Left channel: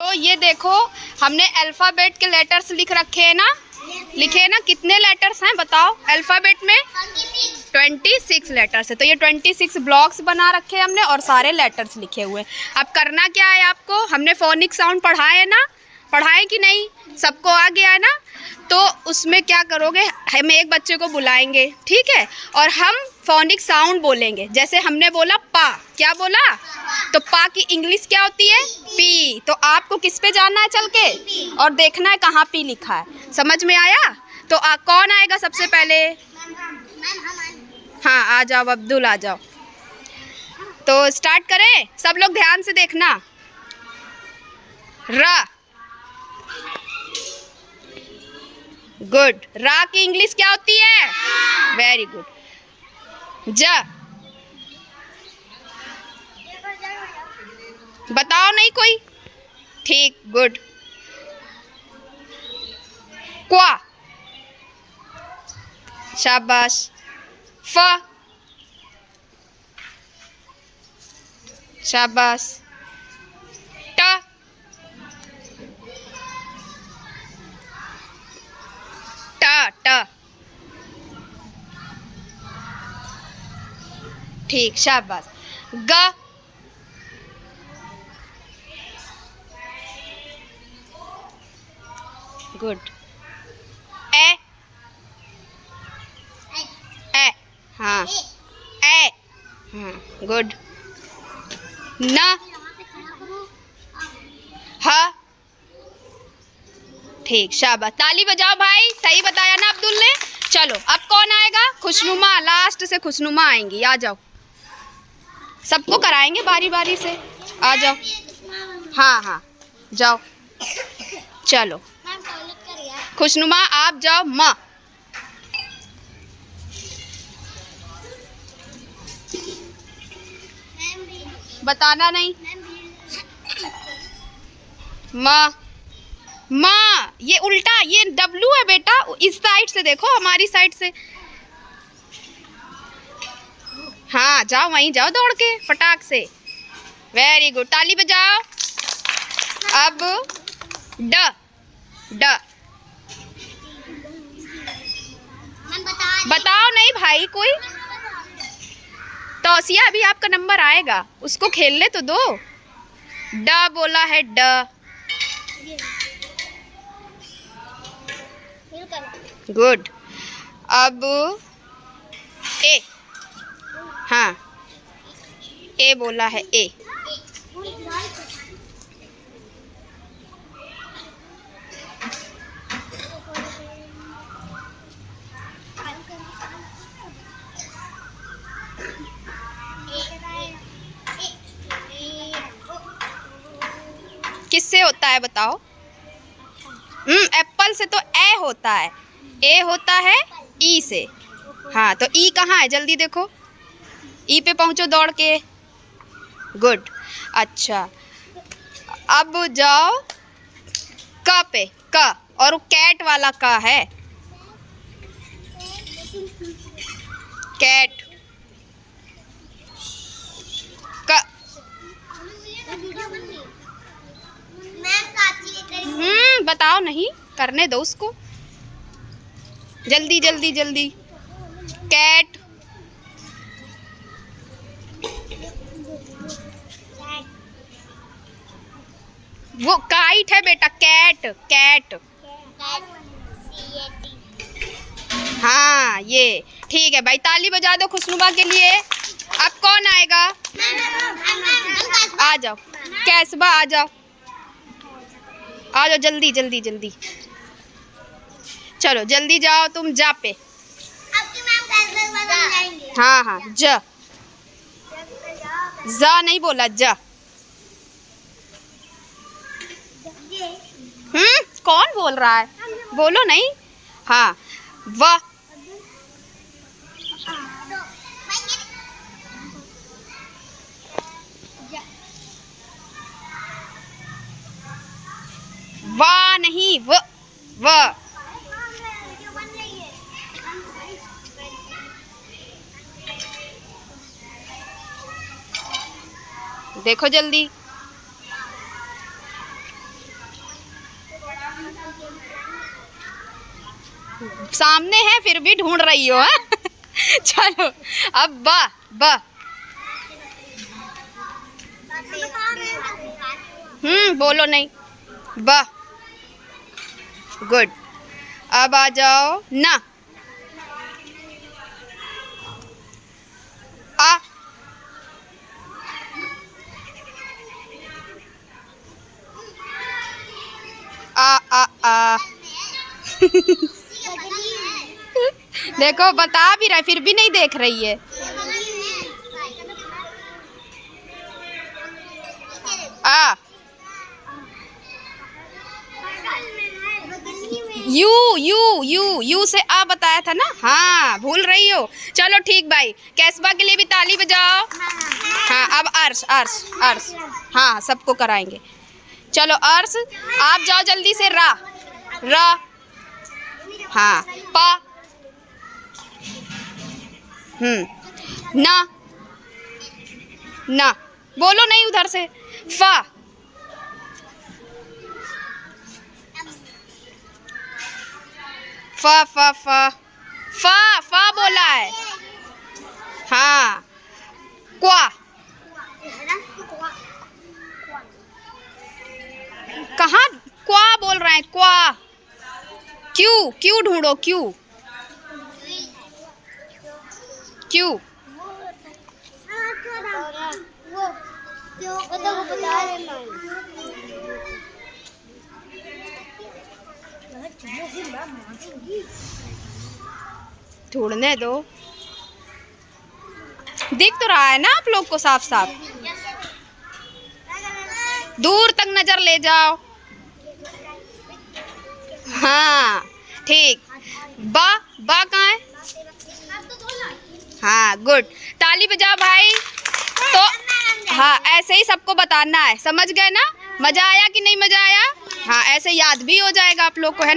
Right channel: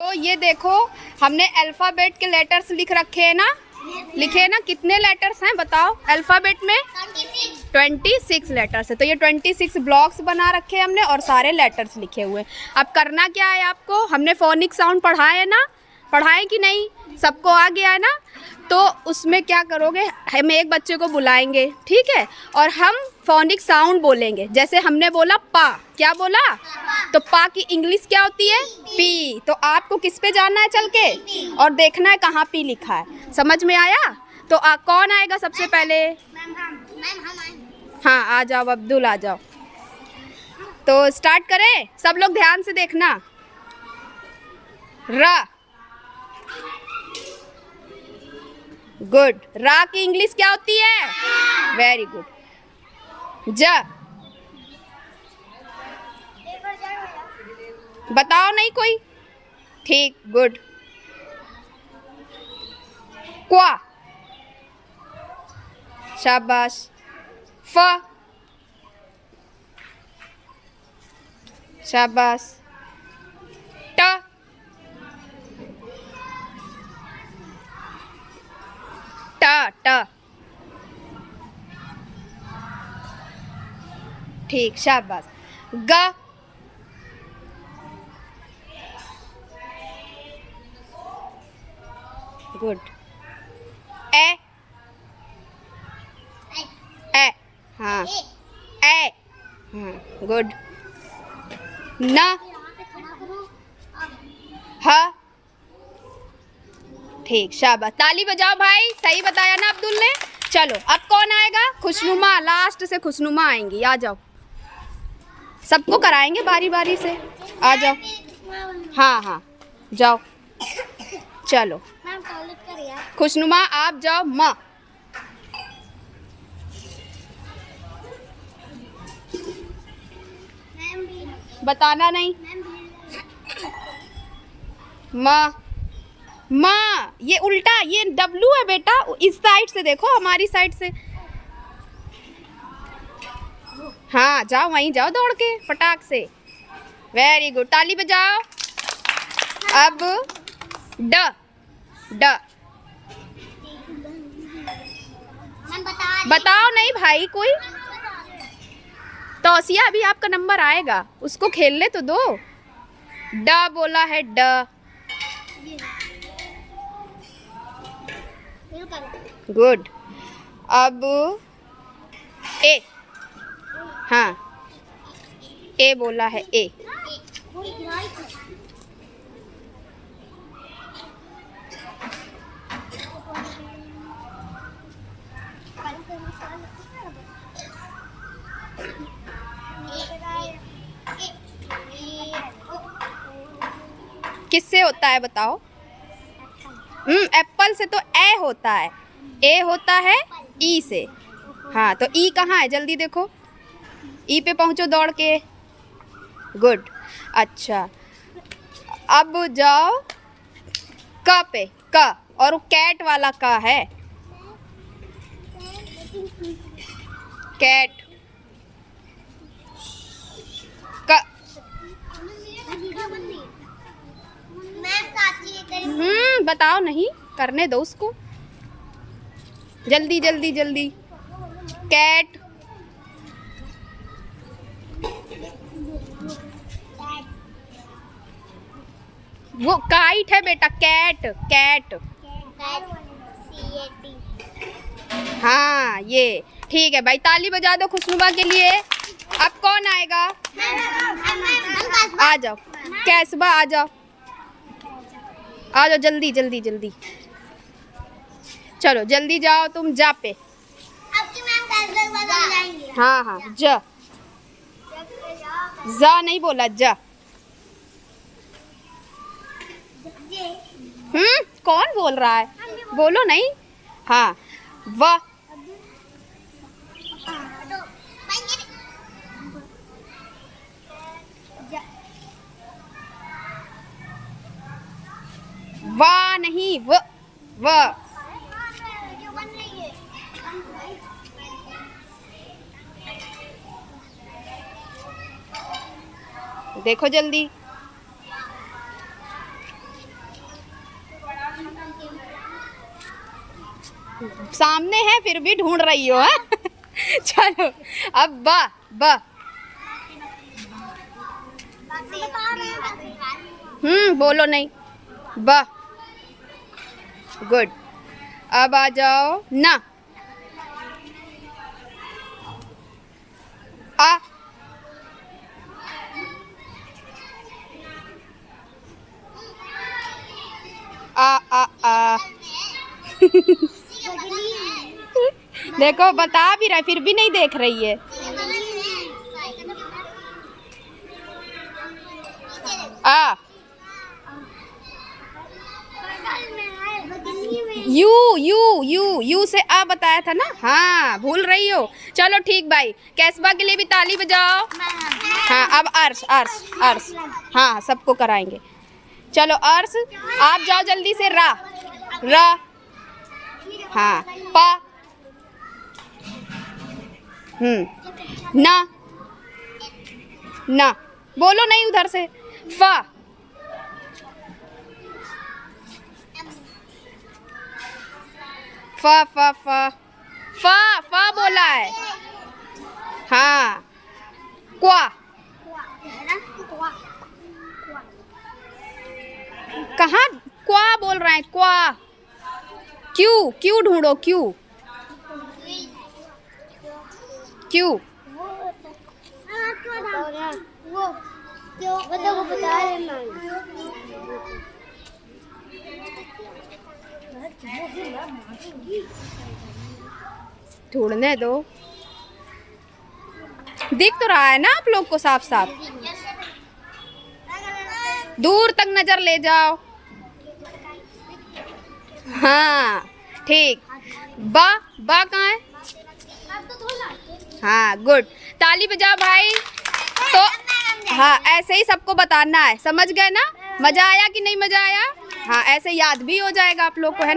तो ये देखो, हमने अल्फ़ाबेट के लेटर्स लिख रखे हैं ना, लिखे हैं ना। कितने लेटर्स हैं बताओ अल्फ़ाबेट में? 26 लेटर्स है। तो ये 26 ब्लॉक्स बना रखे हैं हमने और सारे लेटर्स लिखे हुए हैं। अब करना क्या है आपको, हमने फोनिक साउंड पढ़ाए है ना, पढ़ाए कि नहीं? सबको आ गया है ना? तो उसमें क्या करोगे, हम एक बच्चे को बुलाएंगे, ठीक है, और हम फोनिक साउंड बोलेंगे। जैसे हमने बोला पा, क्या बोला? तो पा की इंग्लिश क्या होती है? पी। तो आपको किस पे जाना है चल के और देखना है कहाँ पी लिखा है। समझ में आया? तो कौन आएगा सबसे पहले? हाँ आ जाओ अब्दुल, आ जाओ। तो स्टार्ट करें, सब लोग ध्यान से देखना। रा, गुड। रा की इंग्लिश क्या होती है? Very good. ज, बताओ नहीं कोई? ठीक, गुड। क्वा, शाबाश। फ, शाबाश। ट, ट, ट, ठीक, शाबाश। ग, गुड। ए, ए, हाँ, ए, हाँ, गुड। न, ह, ठीक, शाबाश। ताली बजाओ भाई, सही बताया ना अब्दुल ने। चलो अब कौन आएगा? खुशनुमा, लास्ट से खुशनुमा आएंगी। आ जाओ, सबको कराएंगे बारी बारी से। आ जाओ, हाँ हाँ जाओ। चलो खुशनुमा आप जाओ। माँ, बताना नहीं। माँ, माँ, ये उल्टा, ये डब्लू है बेटा, इस साइड से देखो, हमारी साइड से। हाँ जाओ, वहीं जाओ दौड़ के फटाक से। वेरी गुड, ताली बजाओ। अब ड, ड, बताओ नहीं भाई कोई? तौसिया, अभी आपका नंबर आएगा, उसको खेलने तो दो। ड बोला है, ड, गुड। अब ए, हाँ, ए बोला है, ए। किससे होता है बताओ? एप्पल से तो ए होता है, ए होता है ई से। हाँ, तो ई कहाँ है जल्दी देखो, ई पे पहुँचो दौड़ के। गुड। अच्छा, अब जाओ क पे, क, और वो कैट वाला क है, कैट। क, बताओ नहीं, करने दो उसको, जल्दी जल्दी जल्दी। कैट, वो काइट है बेटा, कैट, कैट। हाँ ये ठीक है भाई, ताली बजा दो खुशनुमा के लिए। अब कौन आएगा? आ जाओ कैसबा, आ जाओ, आ जाओ जल्दी जल्दी जल्दी। चलो जल्दी जाओ तुम, जा पे। हाँ हाँ, ज, जा नहीं बोला, जा। कौन बोल रहा है? बोलो नहीं। हाँ, व, वा नहीं, व, व। देखो जल्दी। सामने है फिर भी ढूंढ रही हो है? चलो अब ब ब। बोलो नहीं। ब। गुड। अब आ जाओ ना। आ। आ। देखो बता भी रहा है फिर भी नहीं देख रही है। आ। यू यू यू यू से आ बताया था ना। हाँ भूल रही हो। चलो ठीक भाई, कैसबा के लिए भी ताली बजाओ। हाँ अब अर्श अर्श अर्श। हाँ सबको कराएंगे। चलो अर्श आप जाओ जल्दी से। रा रा। हाँ पा। ना ना बोलो नहीं उधर से। फा। फा फा फा फा फा बोला है। हाँ क्वा। कहाँ क्वा बोल रहे हैं? क्वा। क्यू क्यू ढूंढो। Q Q. ढूंढने दो। दिख तो रहा है ना आप लोग को साफ साफ? दूर तक नजर ले जाओ। हाँ ठीक। बा बा कहाँ है? हाँ गुड। ताली बजाओ भाई। तो हाँ ऐसे ही सबको बताना है, समझ गए ना? मजा आया कि नहीं मजा आया? हाँ ऐसे याद भी हो जाएगा आप लोग को, है ना?